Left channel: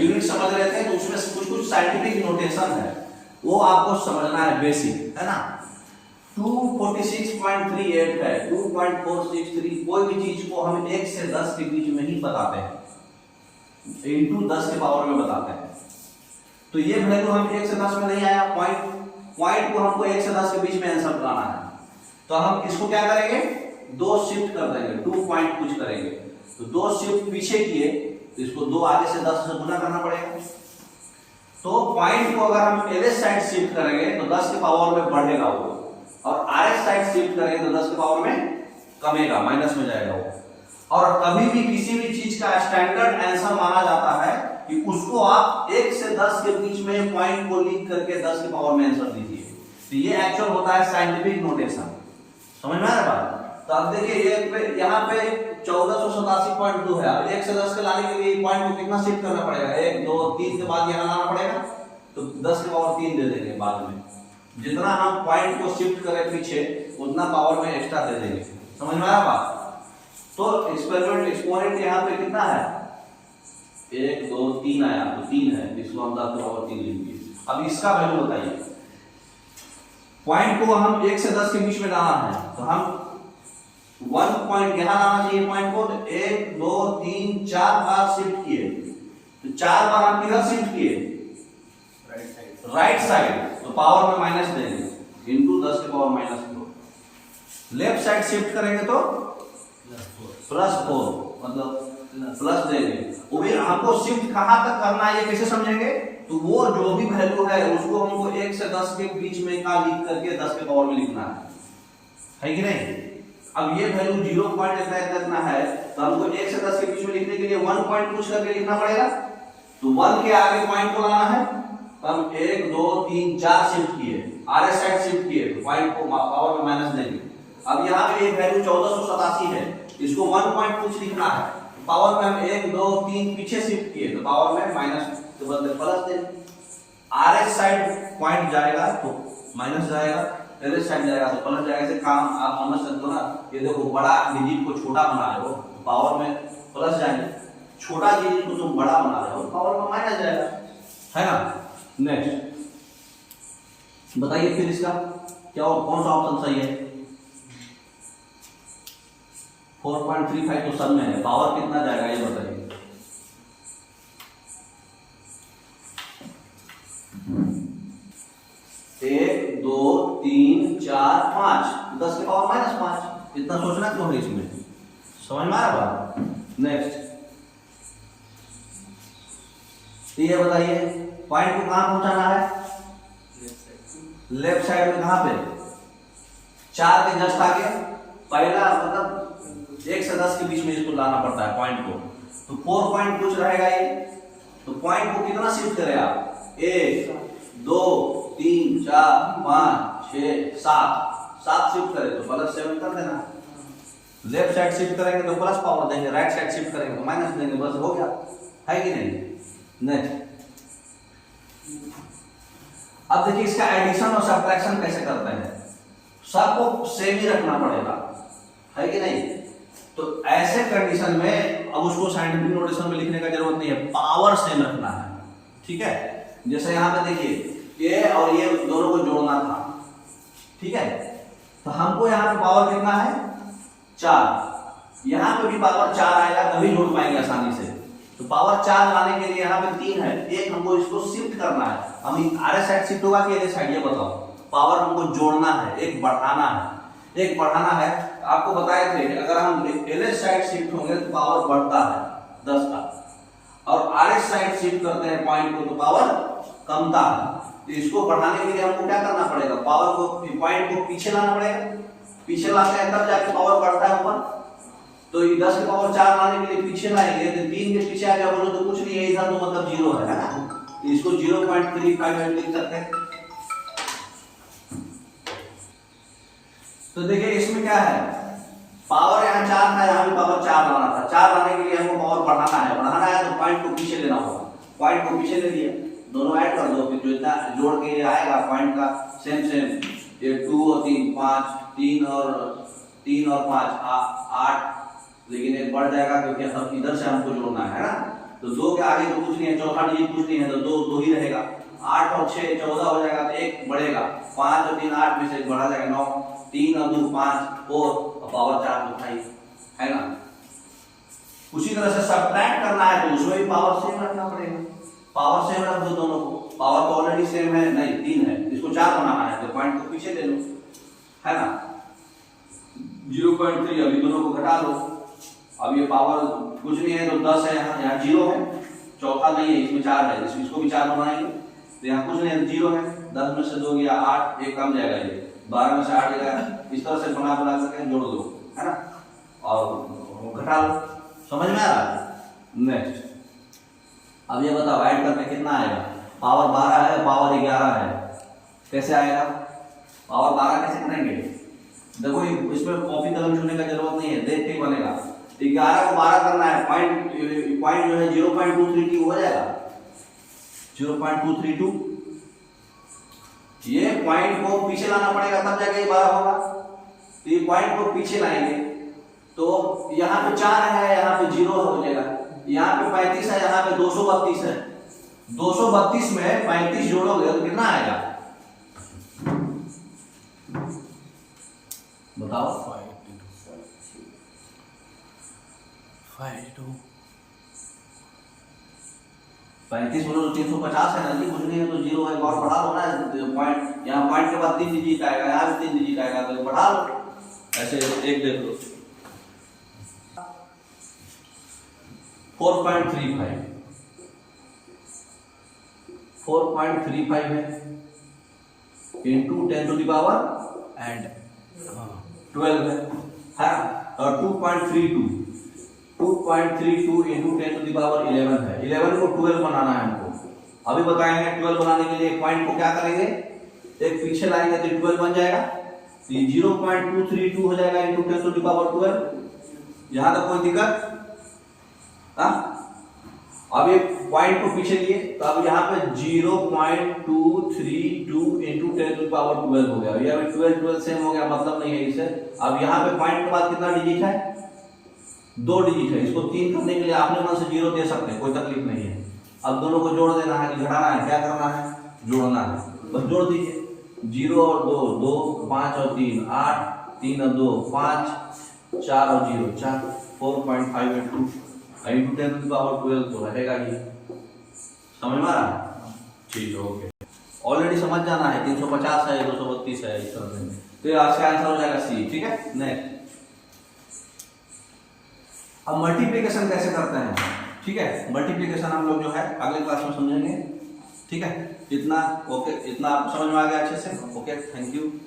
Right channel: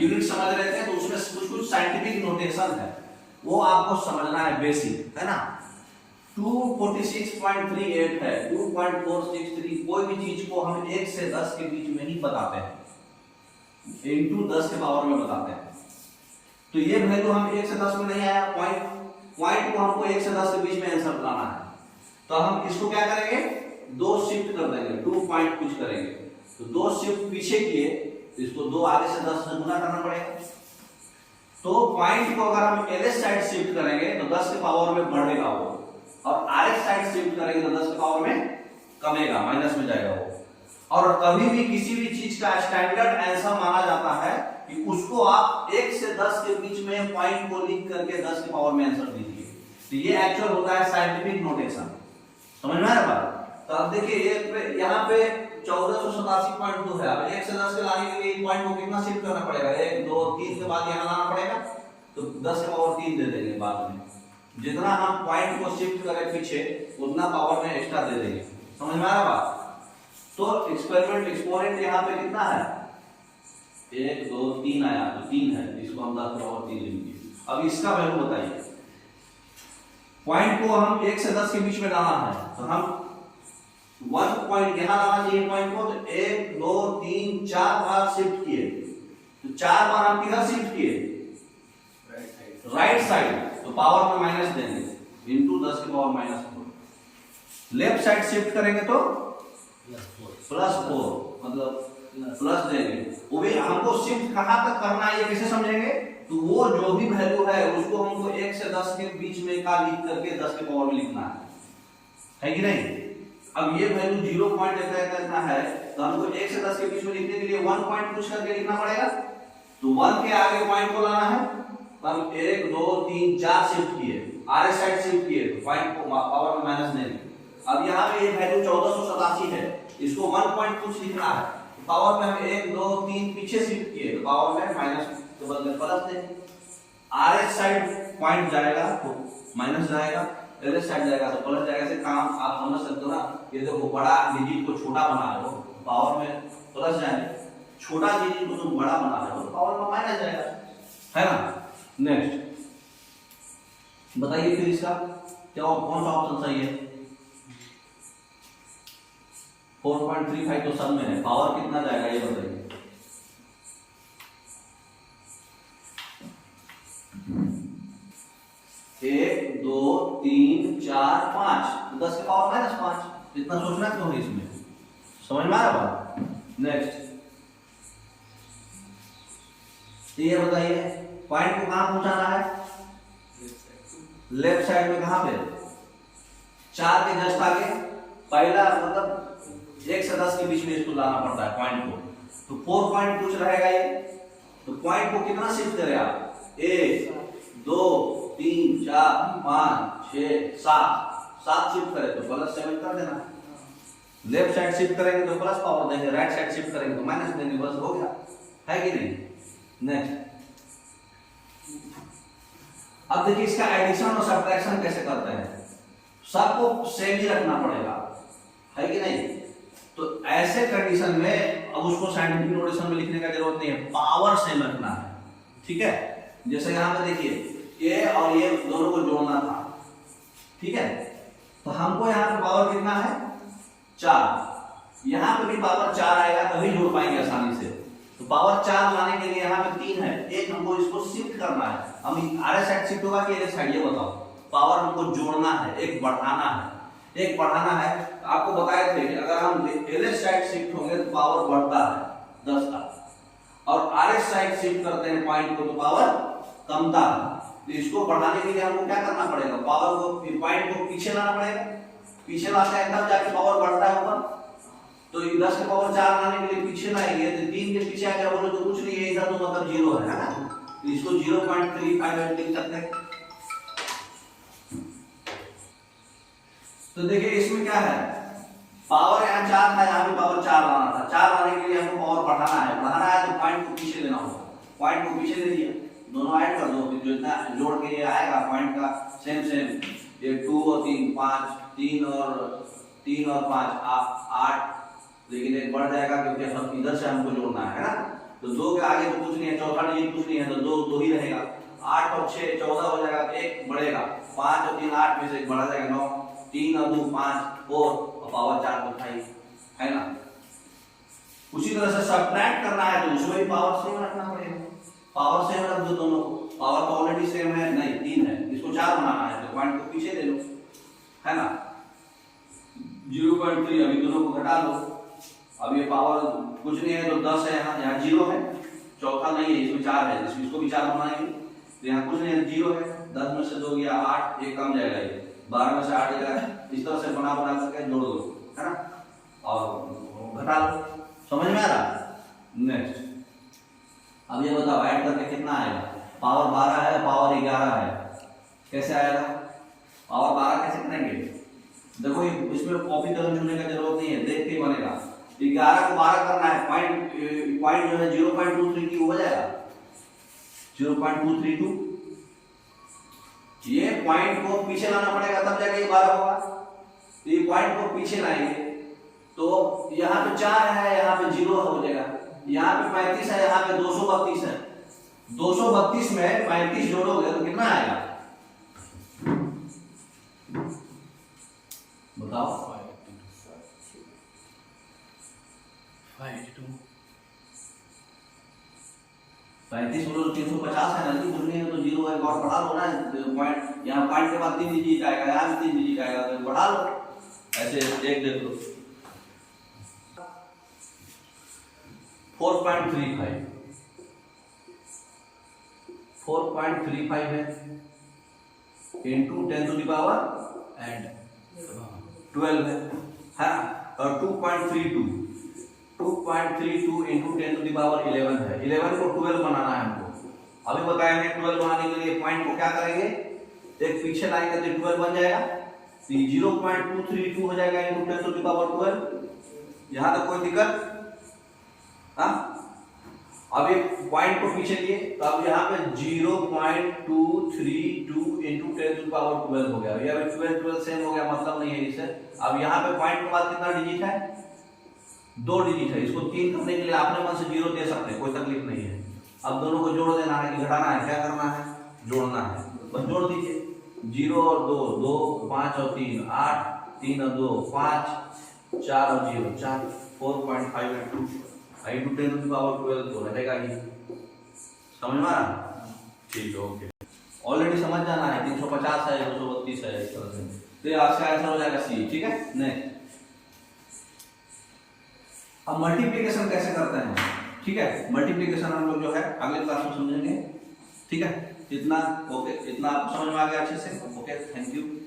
Unit समझ लेते हैं तो उसमें कुछ कुछ साइंटिफिक नोटेशन है, वो आपको समझना है, बेसिक है ना। 246.38 है, 2.463, कोई भी चीज को हम 1 से 10 के बीच में ही बताते हैं, इंटू 10 के पावर में बताते हैं। तो ये वैल्यू हम 1 से 10 में नहीं आया, पॉइंट को हमको 1 से 10 के बीच में आंसर बनाना है, तो हम इसको क्या करेंगे, 2 शिफ्ट कर देंगे, 2 पॉइंट कुछ करेंगे, तो 2 शिफ्ट पीछे किए तो इसको 2 आगे से 10 से गुना करना पड़ेगा। तो पॉइंट को अगर हम LS साइड शिफ्ट करेंगे तो 10 के पावर में बढ़ेगा वो, और RS साइड शिफ्ट करेंगे तो 10 के पावर में कमेगा, माइनस में जाएगा वो। और कभी भी किसी भी चीज का स्टैंडर्ड आंसर माना जाता है कि उसको आप 1 से 10 के बीच में पॉइंट को लिख करके 10 के पावर में आंसर दीजिए। तो ये एक्चुअल होता है साइंटिफिक नोटेशन, समझ में आ रहा है बात। तो अब देखिए ये यहाँ पे 1487.2 है, अब 1 से 10 के लाने के लिए पॉइंट को कितना शिफ्ट करना पड़ेगा, 1 2 3 के बाद यहाँ लाना पड़ेगा, तो 10 के पावर 3 दे देंगे बाद में। जितना हम पॉइंट को शिफ्ट करें पीछे उतना पावर में एक्स्ट्रा दे देंगे, समझ में आया बात। तो एक्सपेरिमेंट एक्सपोनेंट यहाँ पे कितना है, 1 2 3 आया, तो 3 है, इसको हम 10 के पावर 3 लेंगे। अब इसका वैल्यू बताइए, पॉइंट को हम 1 से 10 के बीच में लाना है, तो हम 1 पॉइंट यहाँ लाना चाहिए पॉइंट को, तो 1 2 3 4 बार शिफ्ट किए, तो 4 बार हम किधर शिफ्ट किए, राइट साइड, तो पावर में माइनस देंगे, इंटू 10 के power minus 4। Left side shift करेंगे तो प्लस 4, मतलब प्लस देंगे। वो भी हमको शिफ्ट कहां तक करना है ये कैसे समझेंगे, तो वो जो भी वैल्यू है उसको हमको 1 से 10 के बीच में का लिख करके 10 के पावर में लिखना है कि नहीं। अब ये वैल्यू 0 पॉइंट इतना है, तो हमको 1 से 10 के बीच में लिखने के लिए 1 पॉइंट कुछ करके लिखना पड़ेगा, तो 1 के आगे पॉइंट को लाना है, हम 1 2 3 4 शिफ्ट किए, RS साइड शिफ्ट किए, तो पॉइंट को पावर में माइनस देंगे। अब यहाँ पे ये वैल्यू 1487 है, इसको 1 पॉइंट कुछ लिखना है, तो पावर में हम 1 2 3 पीछे शिफ्ट किए, तो पावर में माइनस के बदले प्लस देंगे। RS साइड पॉइंट जाएगा तो माइनस जाएगा, LS साइड जाएगा तो प्लस जाएगा। ऐसे काम आप समझ सकते हो ना, ये देखो बड़ा डिजिट को छोटा बना रहे हो, पावर में प्लस जाएंगे, छोटा डिजिट को तुम बड़ा बना रहे हो, पावर में माइनस जाएगा, है ना। नेक्स्ट बताइए फिर इसका क्या, कौन सा ऑप्शन सही है, 4.35 तो सब में है, पावर कितना जाएगा ये बताइए। एक 2 3 4 5, 10 के पावर माइनस 5, इतना सोचना क्यों है इसमें, समझ में आ रहा बात। नेक्स्ट ये बताइए, पॉइंट को कहां पहुंचाना है, लेफ्ट साइड में, कहां पे, 4 के जस्ट आगे, पहला मतलब 1 से 10 के बीच में इसको लाना पड़ता है पॉइंट को, तो 4 पॉइंट कुछ रहेगा ये, तो पॉइंट को कितना शिफ्ट करेगा, 1 2 3 4 5 6 7 शिफ्ट करें तो प्लस 7 कर देना। लेफ्ट साइड शिफ्ट करेंगे तो प्लस पावर देंगे, राइट साइड शिफ्ट करेंगे तो माइनस देंगे, बस हो गया, है कि नहीं। नेक्स्ट अब देखिए इसका एडिशन और सब्ट्रैक्शन कैसे करते हैं, सबको सेम ही रखना पड़ेगा, है कि नहीं। तो ऐसे कंडीशन में अब उसको साइंटिफिक नोटेशन में लिखने का जरूरत नहीं है, पावर सेम रखना है, ठीक है। जैसे यहाँ पे देखिए ये और ये दोनों को जोड़ना था, ठीक है, तो हमको यहाँ पे पावर कितना है 4, यहाँ पे भी पावर 4 आएगा तभी जोड़ पाएंगे आसानी से। तो पावर 4 लाने के लिए यहाँ पे 3 है, एक हमको इसको शिफ्ट करना है, हम RS साइड शिफ्ट होगा कि LS साइड, ये बताओ। पावर हमको जोड़ना है, एक बढ़ाना है, एक बढ़ाना है। आपको बताए थे कि अगर हम LS साइड शिफ्ट होंगे तो पावर बढ़ता है 10 का, और RS साइड शिफ्ट करते हैं पॉइंट को तो पावर कमता है। तो इसको बढ़ाने के लिए हमको क्या करना पड़ेगा, पावर को, पॉइंट को पीछे लाना पड़ेगा, पीछे लाते हैं तब जाके पावर बढ़ता है ऊपर। तो ये 10 के पावर 4 लाने के लिए पीछे लाएंगे, तो 3 के पीछे आ गया बोलो तो कुछ नहीं है इधर, तो मतलब 0 है ना, तो इसको 0.35 लिख सकते हैं। तो देखिए इसमें क्या है, पावर यहाँ 4 था, यहाँ भी पावर 4 लाना था, 4 लाने के लिए हमको पावर बढ़ाना है, तो पॉइंट को पीछे लेना होगा, पॉइंट को पीछे ले लिया, दोनों ऐड कर दो, फिर जो इतना जोड़ के ये आएगा पॉइंट का सेम, ये 2 और 3 5, 3 और 5 8, लेकिन एक बढ़ जाएगा क्योंकि हम इधर से हमको जोड़ना है ना, तो 2 के आगे तो कुछ नहीं है, चौथा डिजिट कुछ नहीं है, तो 2 ही रहेगा। 8 और 6 14 हो जाएगा, तो 1 बढ़ेगा, 5 और 3 8 में से 1 बढ़ा जाएगा 9, 3 और 2 5 4 और पावर 4 तो 5 है ना। उसी तरह से सब्ट्रैक्ट करना है तो उसमें भी पावर सेम रखना पड़ेगा, पावर सेम रख दो दोनों को, पावर तो ऑलरेडी सेम है, नहीं 3 है, इसको 4 बनाना है तो पॉइंट को पीछे ले लो, है ना। 0.3 अभी दोनों को घटा लो, अब ये पावर कुछ नहीं है तो 10 है, यहाँ 0 है, चौथा नहीं है, इसमें 4 है, इसको भी 4 बनाएंगे तो यहाँ कुछ नहीं है, 0 है, 10 में से 2 गया 8, एक कम जाएगा, ये 12 में से 8 गया, इस तरह से बना करके जोड़ दो, है ना, और घटा लो। समझ में आ रहा? नेक्स्ट अब ये बताओ ऐड करके कितना आएगा, पावर 12 है, पावर 11 है, कैसे आएगा? पावर 12 कैसे करेंगे? देखो इसमें कॉपी कलम छूने का जरूरत नहीं है, देख के ही बनेगा। 11 को 12 करना है, पॉइंट जो है 0.232 हो जाएगा, 0.232, ये पॉइंट को पीछे लाना पड़ेगा तब जाके ये 12 होगा। तो ये पॉइंट को पीछे लाएंगे तो यहाँ पे 4 है, यहाँ पे 0 हो जाएगा, यहाँ पे 35 है, यहाँ पे 232 है, 232 में 35 जोड़ोगे तो कितना आएगा बताओ? 35 बोलो तो 350 है ना जी, कुछ नहीं है तो 0 है, और बढ़ा लो ना पॉइंट, यहाँ पॉइंट के बाद 3 डिजिट आएगा, यहाँ भी 3 डिजिट आएगा, तो बढ़ा लो ऐसे, एक देख लो 4.35 है into 10 to the power and 12 है ना, और 2.32 इंटू 10 टू द पावर 11 है, 11 को 12 बनाना है हमको। अभी बताया है 12 बनाने के लिए पॉइंट को क्या करेंगे, एक पीछे लाएंगे तो 12 बन जाएगा, तो 0.232 हो जाएगा इंटू 10 टू द पावर 12। यहाँ तक कोई दिक्कत? हाँ, अब ये पॉइंट को पीछे लिए तो अब यहाँ पे 0.232 इंटू 10 टू द पावर 12 हो गया, ये अभी 12 सेम हो गया, मतलब नहीं है इससे। अब यहाँ पे पॉइंट के बाद कितना डिजिट है, 2 डिजिट है, इसको 3 करने के लिए आपने मन से 0 दे सकते हैं, कोई तकलीफ नहीं है। अब दोनों को जोड़ देना है कि घटाना है, क्या करना है, जोड़ना है, बस जोड़ दीजिए, 0 और 2 2, 5 और 3 8, 3 और 2 5, 4 और 0 4, 4.582 इंटू 10 टू द पावर 12 तो रहेगा ये। समझ में आ रहा? ठीक है, ओके, ऑलरेडी समझ जाना है, 350 है, 232 है, इस तरह से, तो ये आज का आंसर हो जाएगा सी। ठीक है, नेक्स्ट अब मल्टीप्लिकेशन कैसे करते हैं, ठीक है, मल्टीप्लिकेशन हम लोग जो है अगले क्लास में समझेंगे। ठीक है, इतना ओके, इतना आप समझ में आ गया अच्छे से? Okay, thank you.